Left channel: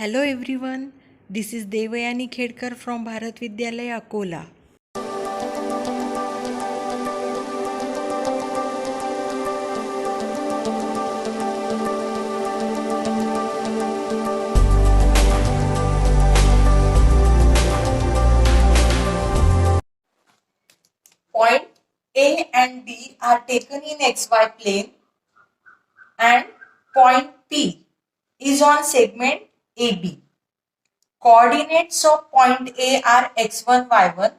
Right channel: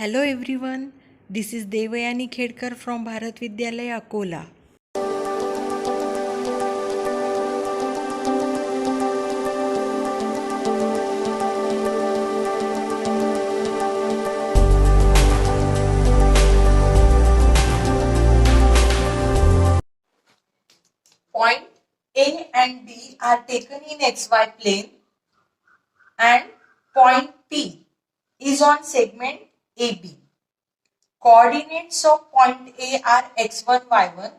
Hello everyone, this is Devayani Khedkar from Bharat Vidyalaya, Akola. Point A and B are taken in xy plane and point P is on segment AB. Coordinates of point A are x1, y1.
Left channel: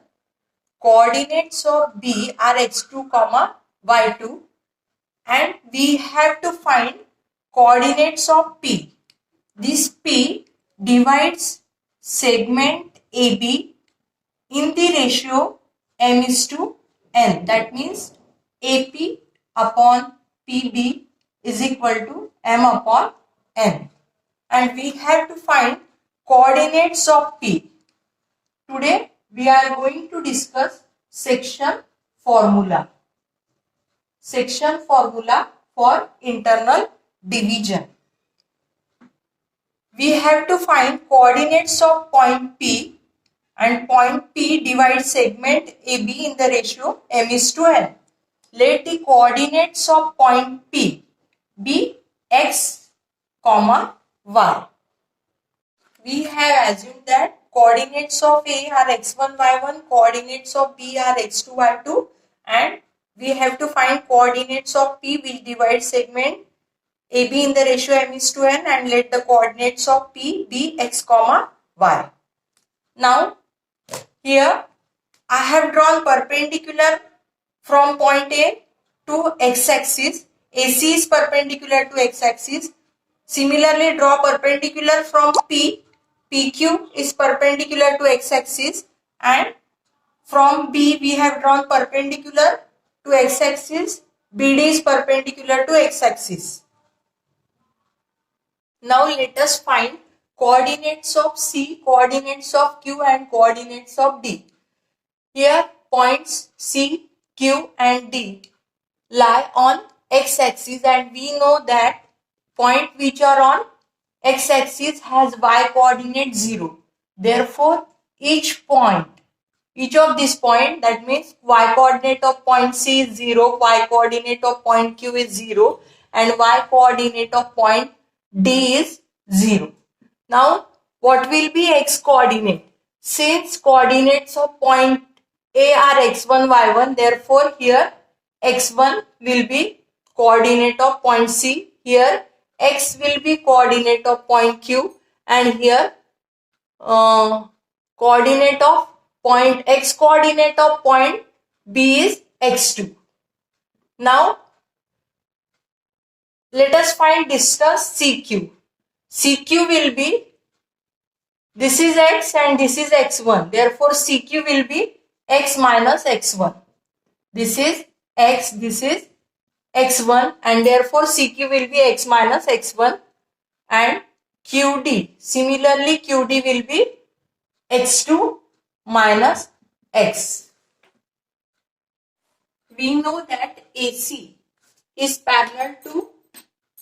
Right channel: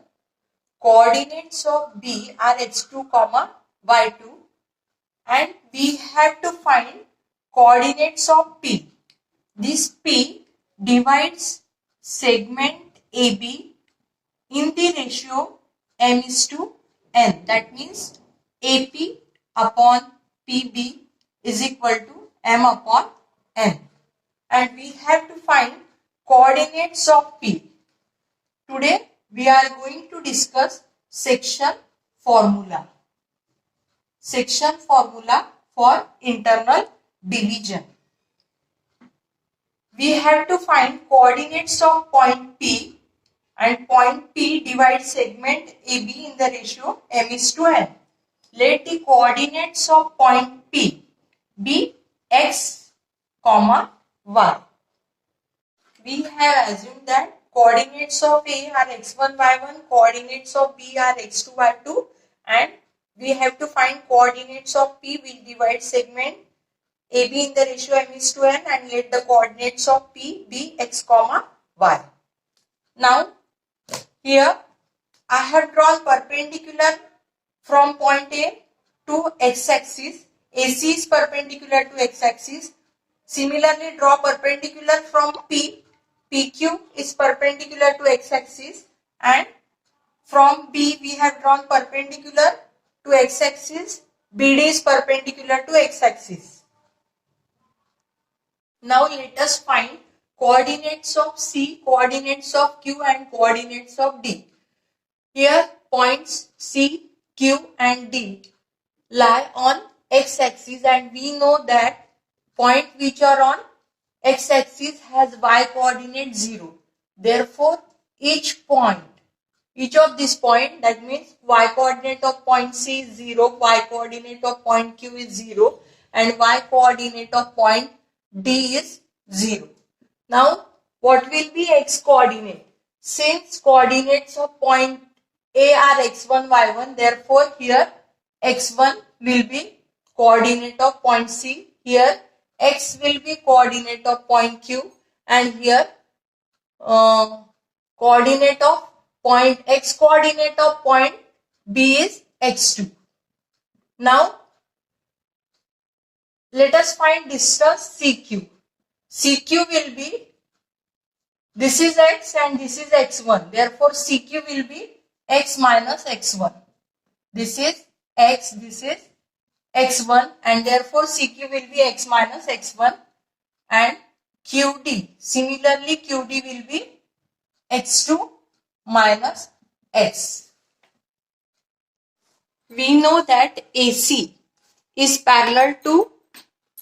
Coordinates of B are x2, y2. And we have to find coordinates of P. This P divides segment AB in the ratio m is to n. That means AP upon PB is equal to m upon n. And we have to find coordinates of P. Today we are going to discuss section formula. Section formula for internal division. We have to find coordinates of point P, and point P divides segment AB in the ratio m is to n. Let the coordinates of point P be x, y. We have assumed that coordinates of A are x1, y1, coordinates of B are x2, y2, and we have to find coordinates of P which divide segment AB in the ratio m is to n, and let the coordinates of P be x, y. Now, here I have drawn perpendicular from point A to x-axis. AC is perpendicular to x-axis. Similarly, draw perpendicular from P. PQ is perpendicular to x-axis, and from B we have drawn perpendicular to x-axis. BD is perpendicular to x-axis. Now let us find coordinates of C, coordinates of Q, and coordinates of D. Here points C, Q and D lie on x-axis, and we know that point which are on x-axis has y coordinate 0. Therefore, each of these point, that means y coordinate of point C is 0, y coordinate of point Q is 0, and y coordinate of point D is 0. Now, what will be x coordinate? Since coordinates of point A are x1, y1, therefore here x1 will be coordinate of point C. Here x will be coordinate of point Q, and here coordinate of point x coordinate of point B is x2. Now let us discuss CQ. CQ will be, this is x and this is x1. Therefore, CQ will be x minus x1. This is x, this is x1, and therefore CQ will be x minus x1. And QD, similarly QD will be x2 minus x. We know that AC is parallel to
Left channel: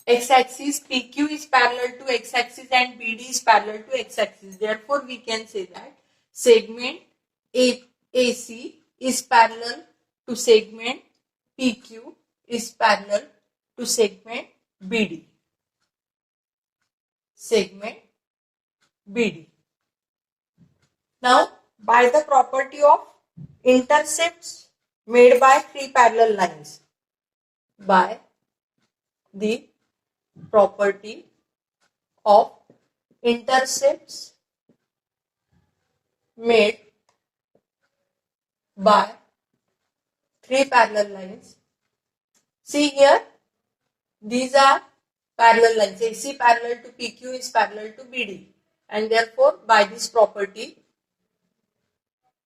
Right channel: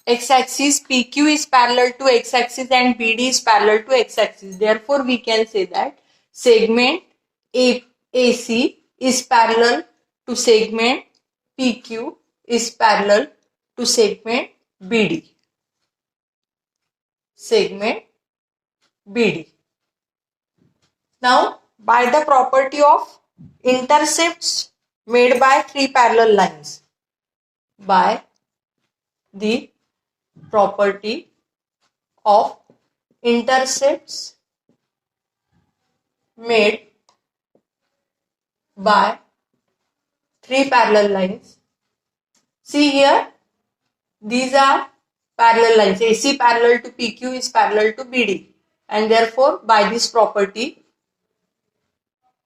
x-axis, PQ is parallel to x-axis, and BD is parallel to x-axis. Therefore, we can say that segment AC is parallel to segment PQ is parallel to segment BD. Segment BD. Now, by the property of intercepts made by three parallel lines, by the property of intercepts made by three parallel lines. See here, these are parallel lines. AC parallel to PQ is parallel to BD, and therefore by this property,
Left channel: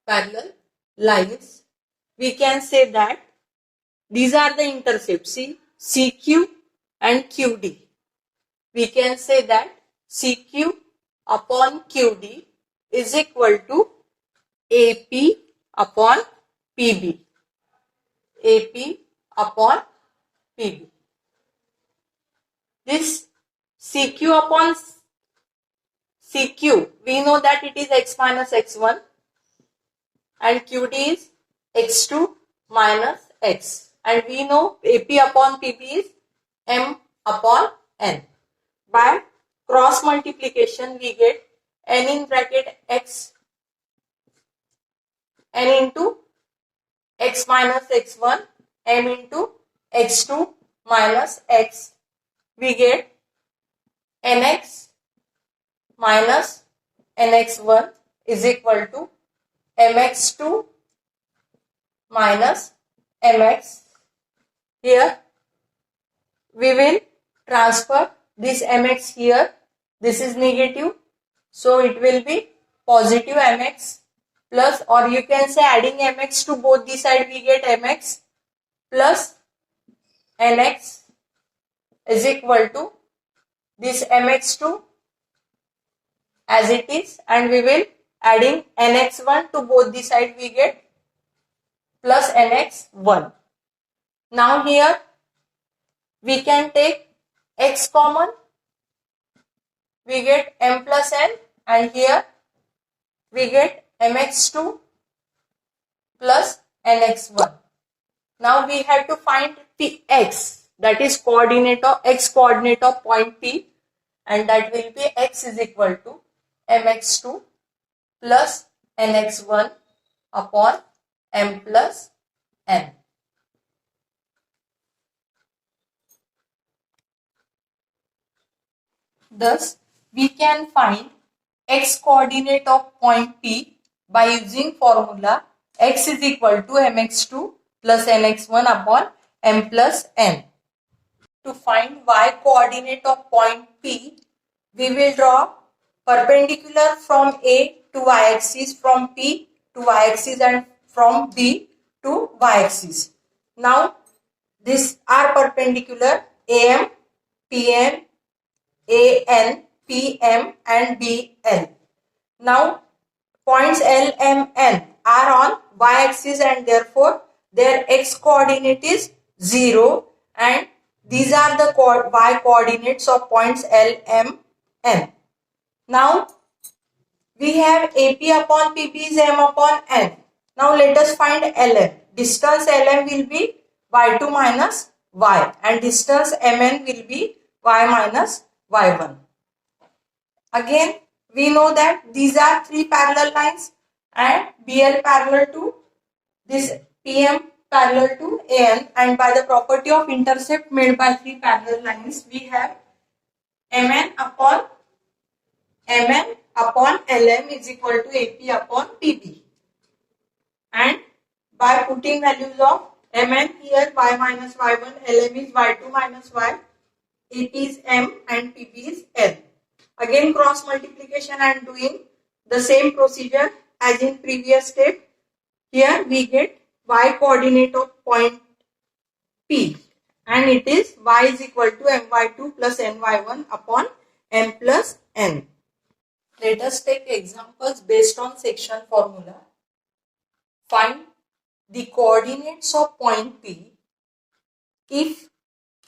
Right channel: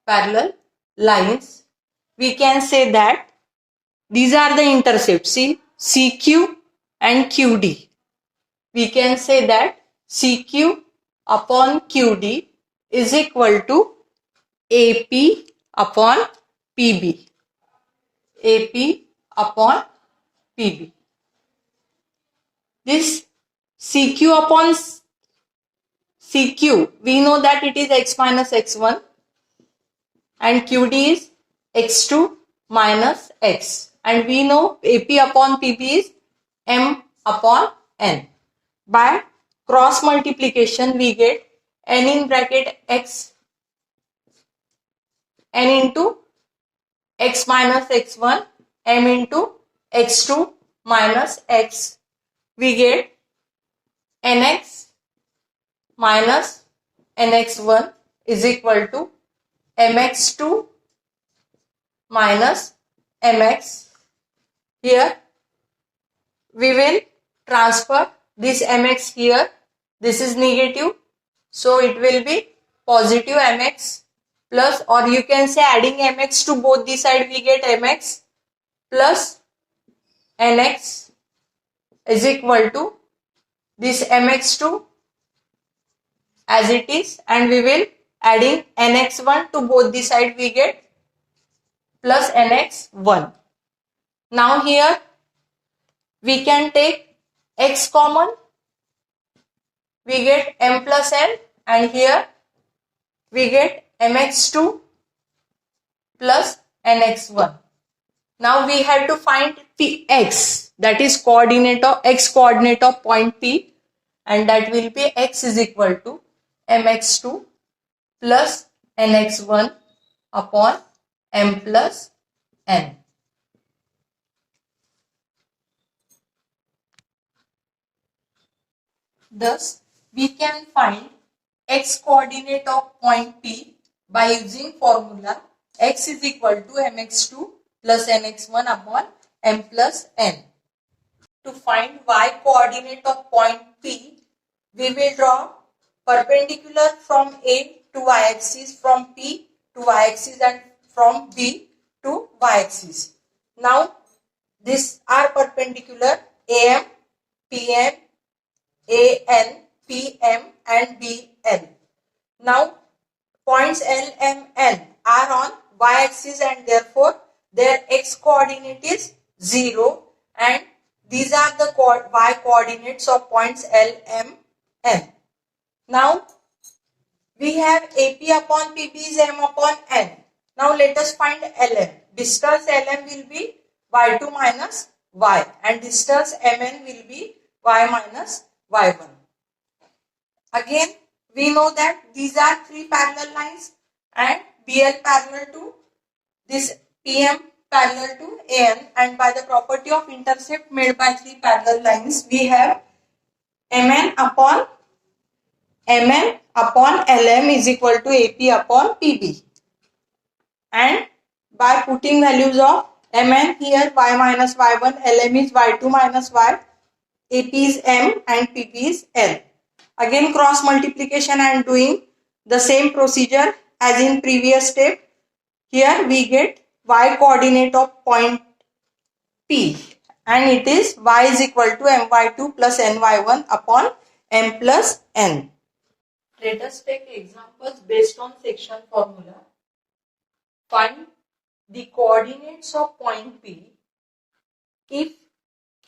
parallel lines, we can say that these are the intercepts. See, CQ and QD. We can say that CQ upon QD is equal to AP upon PB. AP upon PB. This CQ upon CQ, we know that it is x minus x1 and QD is x2 minus x. And we know AP upon PP is M upon N. By cross multiplication, we get N in bracket x, N into x minus x1, M into x2 minus x. We get nx minus nx1 is equal to mx2 minus mx. Here we will transfer this mx here. This is negative, so it will be positive mx plus, or you can say adding mx to both the side, we get mx plus nx is equal to this mx2 as it is, and we will adding nx1 to both the side, we get plus nx1. Now here we can take x common, we get m plus n, and here we get mx2 plus nx1. Now we have to find px, that is coordinate of x coordinate of point P, and that will be x is equal to mx2 plus nx1 upon m plus n. Thus, we can find x coordinate of point P by using formula x is equal to mx2 plus nx1 upon m plus n. To find y coordinate of point P, we will draw perpendicular from A to y axis, from P to y axis, and from B to y axis. Now, these are perpendicular AM, PM, AN, PM and BL. Now, points L, M, N are on y-axis and therefore their x coordinate is 0, and these are the y coordinates of points L, M, N. Now, we have AP upon PP is M upon N. Now, let us find LM. Distance LM will be y2 minus y, and distance MN will be y minus y1. Again, we know that these are three parallel lines, and BL parallel to this PM parallel to AN, and by the property of intercept made by three parallel lines, we have MN upon LM is equal to AP upon PP. And by putting values of Mn here, y minus y1, Lm is y2 minus y, AP is M and PP is L. Again cross multiplication and doing the same procedure as in previous step. Here we get y coordinate of point P, and it is y is equal to my2 plus ny1 upon m plus n. Let us take examples based on section formula. Find the coordinates of point P if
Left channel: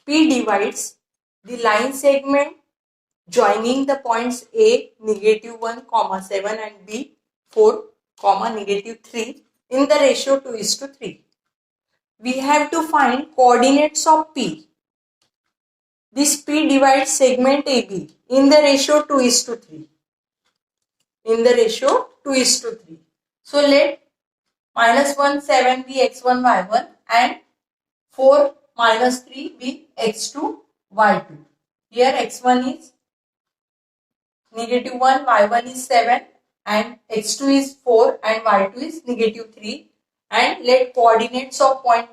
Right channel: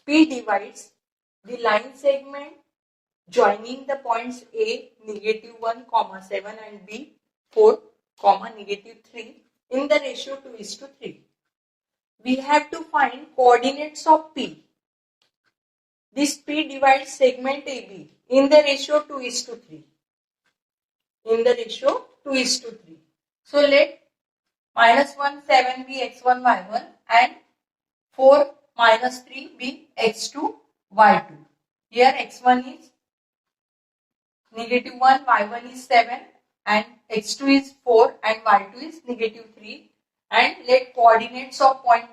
P divides the line segment joining the points A -1, 7 and B 4, -3 in the ratio 2:3. We have to find coordinates of P. This P divides segment AB in the ratio 2:3. In the ratio 2:3. So let -1, 7 be x1, y1 and 4, -3 be x2, y2. Here x1 is -1, y1 is 7 and x2 is 4 and y2 is -3, and let coordinates of point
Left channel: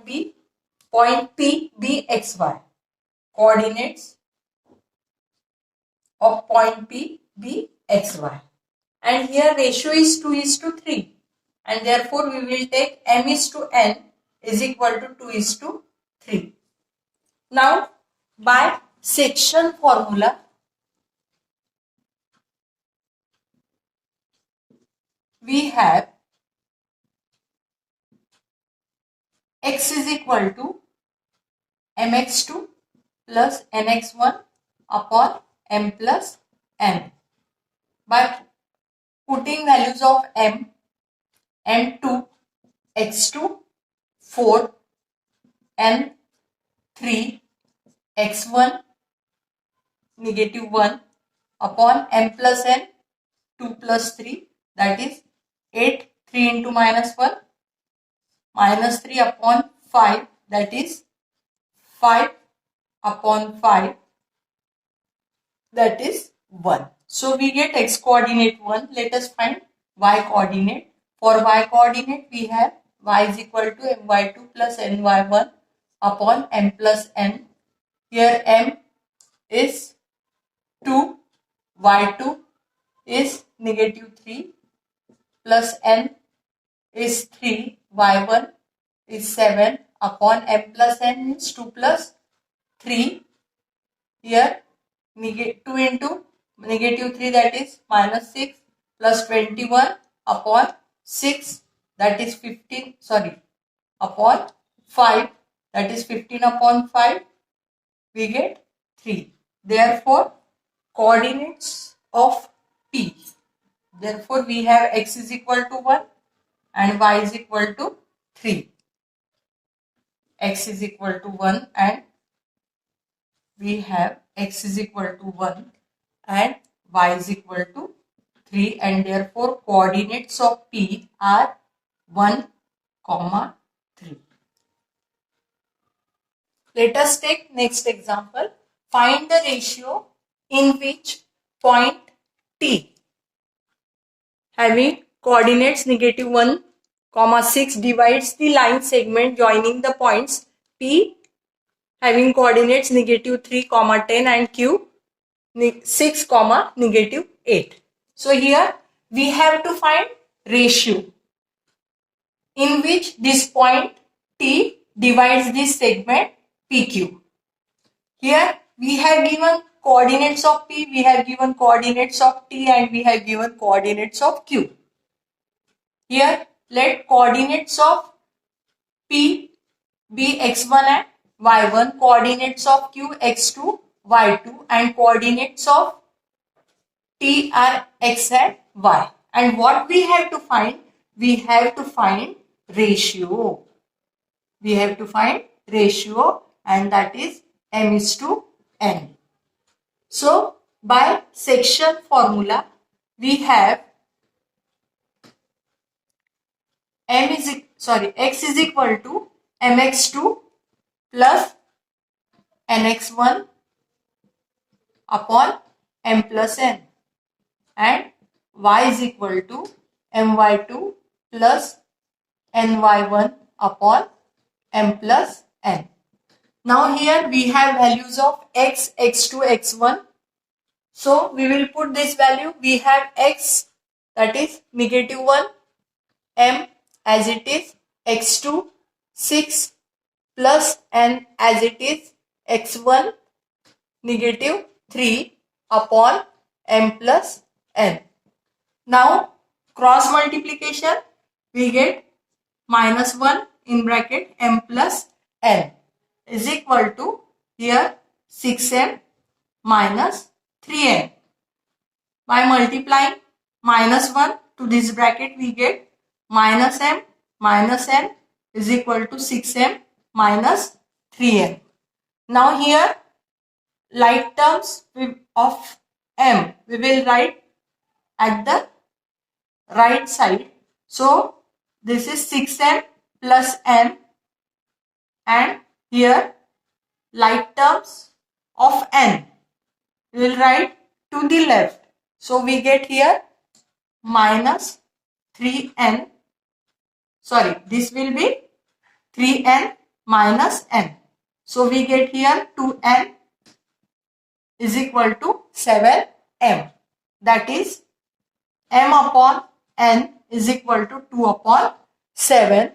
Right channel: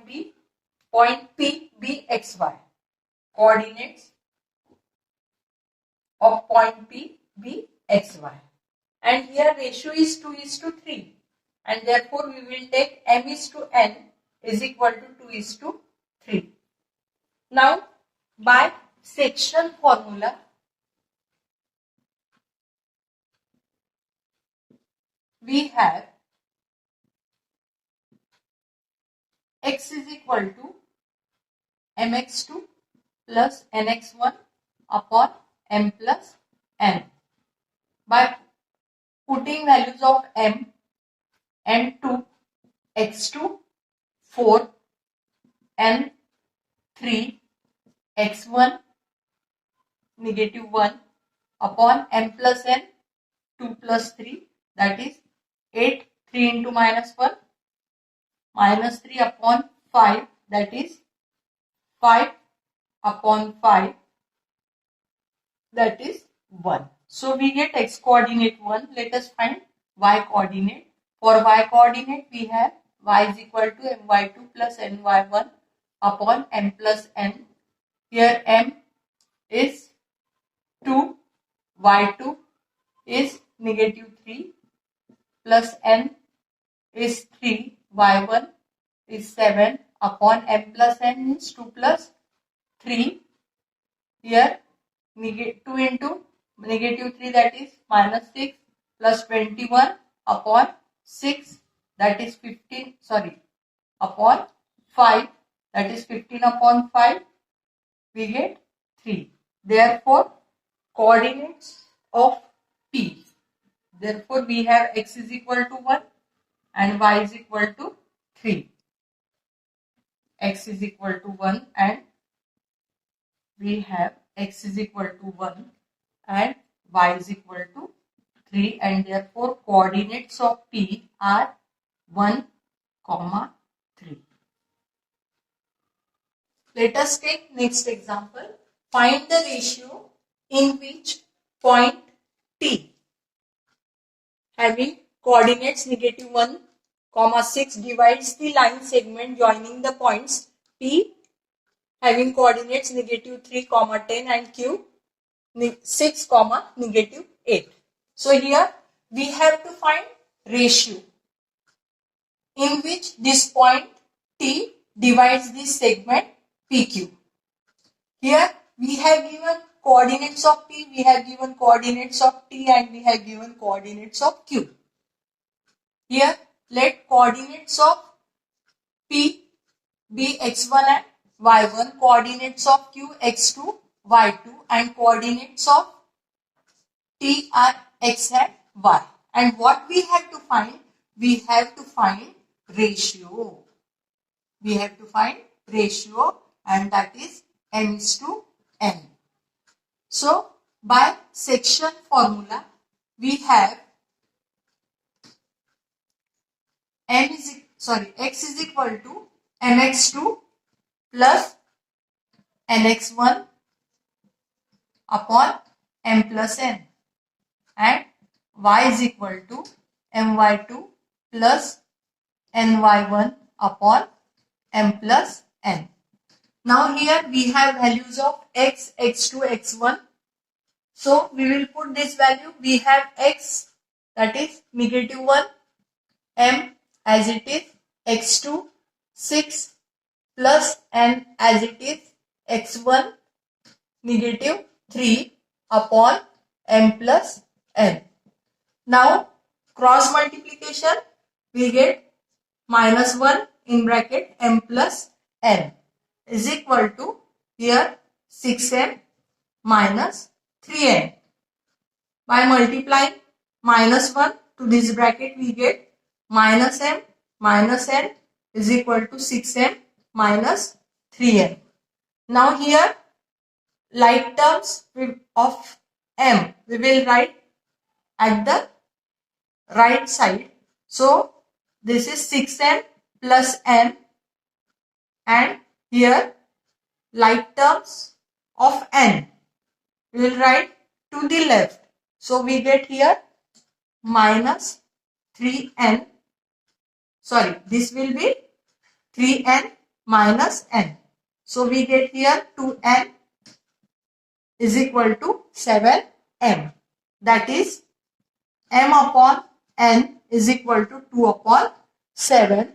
P be xy. Coordinates of point P be xy. And here ratio is 2:3. And therefore, we will take m is to n is equal to 2:3. Now, by section formula, we have x is equal to mx2 plus nx1 upon m plus n. by putting values of m, n2, x2, 4, n3, x1, negative 1 upon m plus n, 2 plus 3, that is 8, 3 into minus 1, minus 3 upon 5, that is 5 upon 5, that is 1. So we get x coordinate 1. Let us find y coordinate. For y coordinate we have y is equal to my2 plus ny1 upon m plus n. Here m is 2, y2 is negative 3 plus n is 3, y1 is 7 upon m plus n means 2 plus 3. Here 2 into negative 3, that is minus 6 plus 21 upon 6, that is 15, upon 5, that is 15 upon 5, we get 3. Therefore, coordinates of P. Therefore, we have x is equal to 1 and y is equal to 3. X is equal to 1 and we have x is equal to 1 and y is equal to 3, and therefore coordinates of P are 1, 3. Let us take next example. Find the ratio in which point T having coordinates negative 1, 6 divides the line segment joining the points P having coordinates negative 3, 10 and Q 6, negative 8. So here we have to find ratio in which this point T divides this segment PQ. Here we have given coordinates of P, we have given coordinates of T, and we have given coordinates of Q. Here let coordinates of P be x1 and y1, coordinates of Q x2, y2, and coordinates of T are x and y. And what we have to find? We have to find ratio. We have to find ratio, and that is m is to n. So by section formula we have x is equal to mx2 plus nx1 upon m plus n, and y is equal to my2 plus ny1 upon m plus n. Now here we have values of x, x2, x1. So we will put this value. We have x, that is negative 1, m as it is, x2 6 plus n as it is, x1 negative 3 upon m plus n. Now cross multiplication, we get minus 1 in bracket m plus n is equal to here 6m minus 3n. By multiplying minus 1 to this bracket, we get minus m minus n is equal to 6m minus 3n. Now here like terms of m we will write at the right side. So this is 6m plus m, and here like terms of n we will write to the left. So we get here minus 3n. This will be 3n minus n. So we get here 2n is equal to 7m. That is m upon n is equal to 2 upon 7,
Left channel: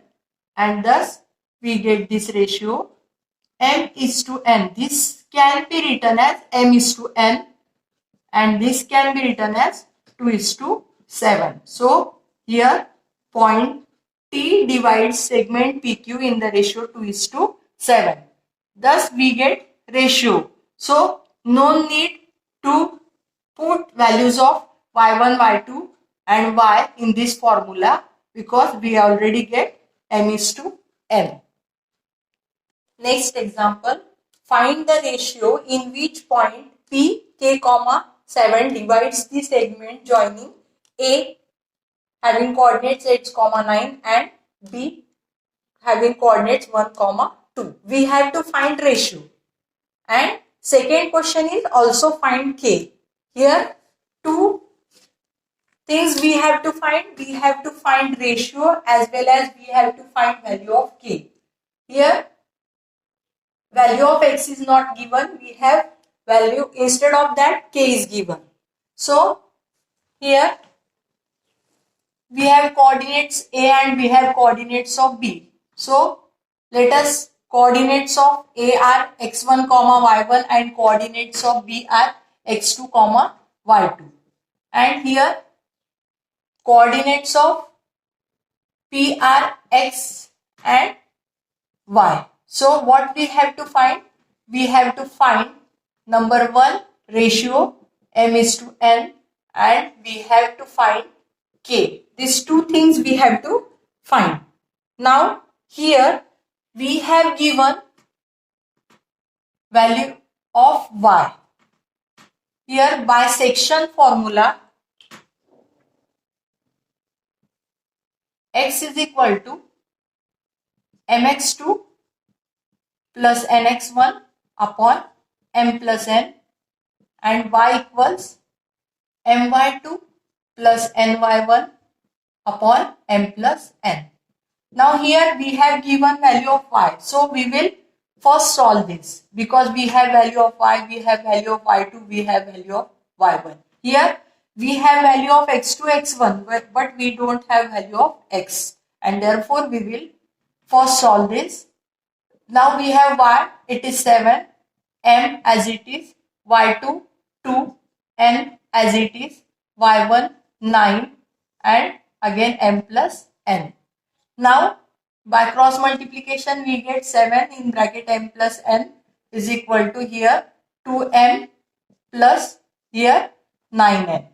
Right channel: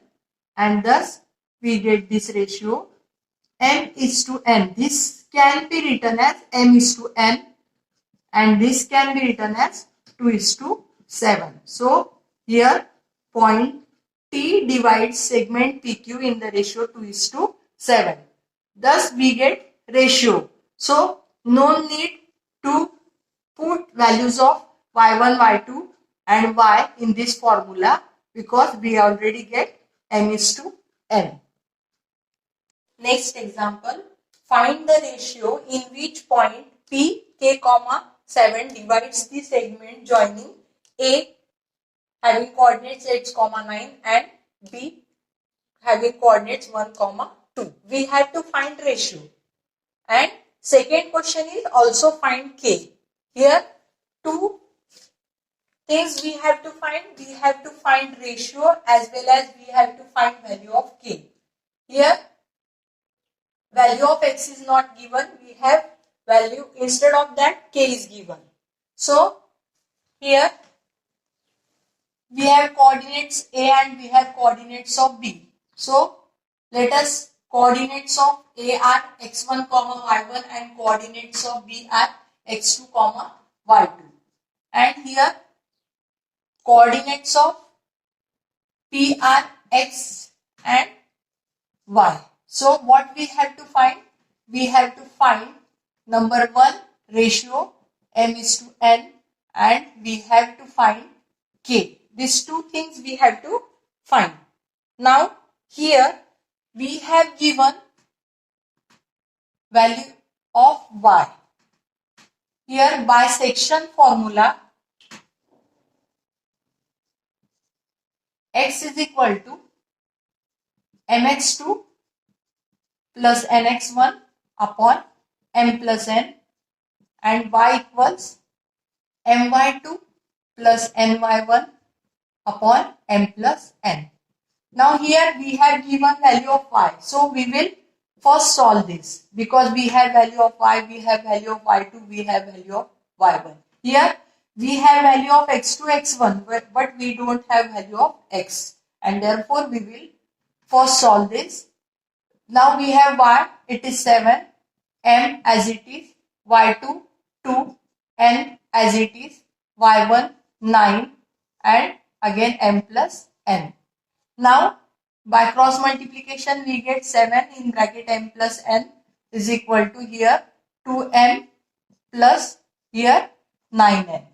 and thus we get this ratio m is to n. This can be written as m is to n, and this can be written as 2 is to 7. So here point T divides segment PQ in the ratio 2 is to 7. Thus we get ratio. So no need to put values of y1, y2 and y in this formula because we already get m is to n. Next example, find the ratio in which point p, k, comma 7 divides the segment joining A having coordinates 8, 9 and B having coordinates 1, 2. We have to find ratio. And second question is also find k. Here two things we have to find. We have to find ratio as well as we have to find value of k. Here value of x is not given. We have value instead of that k is given. So here we have coordinates A and we have coordinates of B. So let us coordinates of A are x1, y1 and coordinates of B are x2, y2. And here coordinates of P are x and y. So what we have to find? We have to find number 1 ratio m is to n and we have to find k. These two things we have to find. Now here we have given value of y. Here by section formula x is equal to mx2 plus nx1 upon m plus n and y equals my2 plus ny1 upon m plus n. Now here we have given value of y. So we will first solve this because we have value of y, we have value of y2, we have value of y1. Here we have value of x2, x1 but we don't have value of x and therefore we will first solve this. Now we have y, it is 7, m as it is, y2, 2, n as it is, y1, 9 and again m plus n. Now by cross multiplication we get 7 in bracket m plus n is equal to here 2m plus here 9n.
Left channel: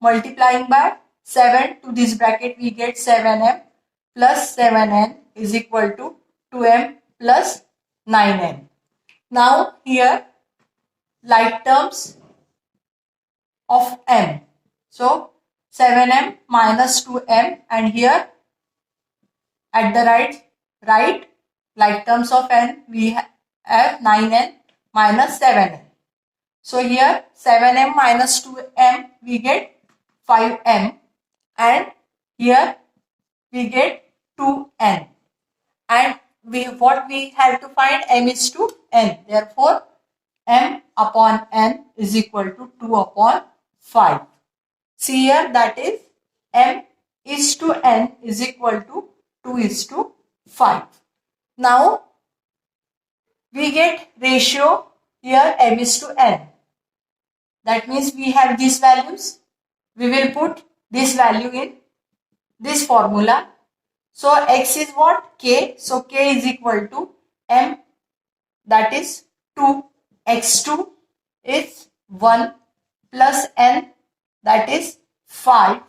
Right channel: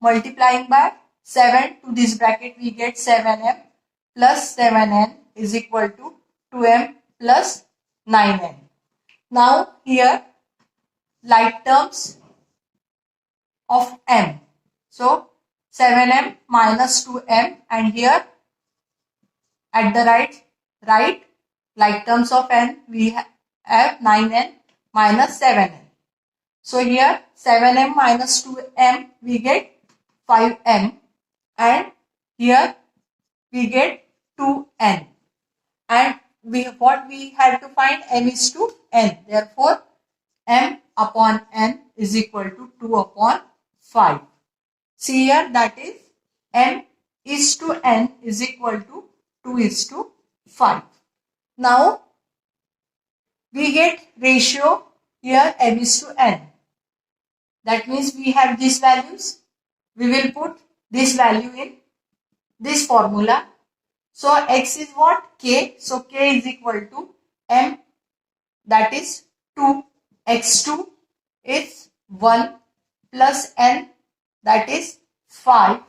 Multiplying by 7 to this bracket we get 7m plus 7n is equal to 2m plus 9n. Now here like terms of m. So 7m minus 2m and here at the right like terms of n we have 9n minus 7n. So here 7m minus 2m we get 5m and here we get 2n and what we have to find m is to n. Therefore m upon n is equal to 2 upon 5. See here that is m is to n is equal to 2 is to 5. Now we get ratio here m is to n. That means we have these values. We will put this value in this formula. So x is what? K. So k is equal to m that is 2. X2 is 1 plus n that is 5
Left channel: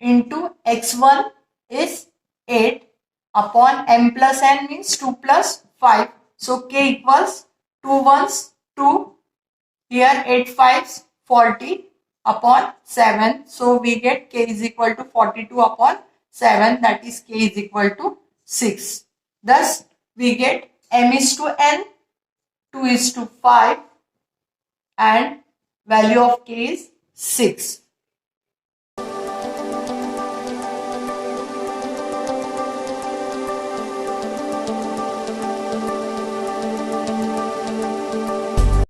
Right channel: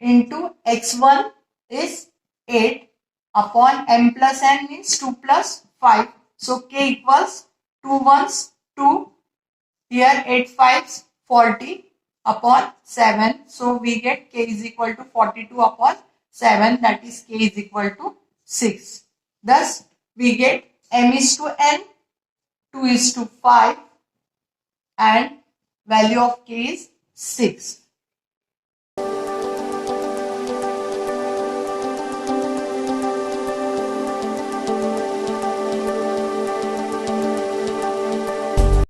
into x1 is 8 upon m plus n means 2 plus 5. So k equals 2 ones 2. Here 8 fives 40 upon 7. So we get k is equal to 42 upon 7 that is k is equal to 6. Thus we get m is to n 2 is to 5 and value of k is 6.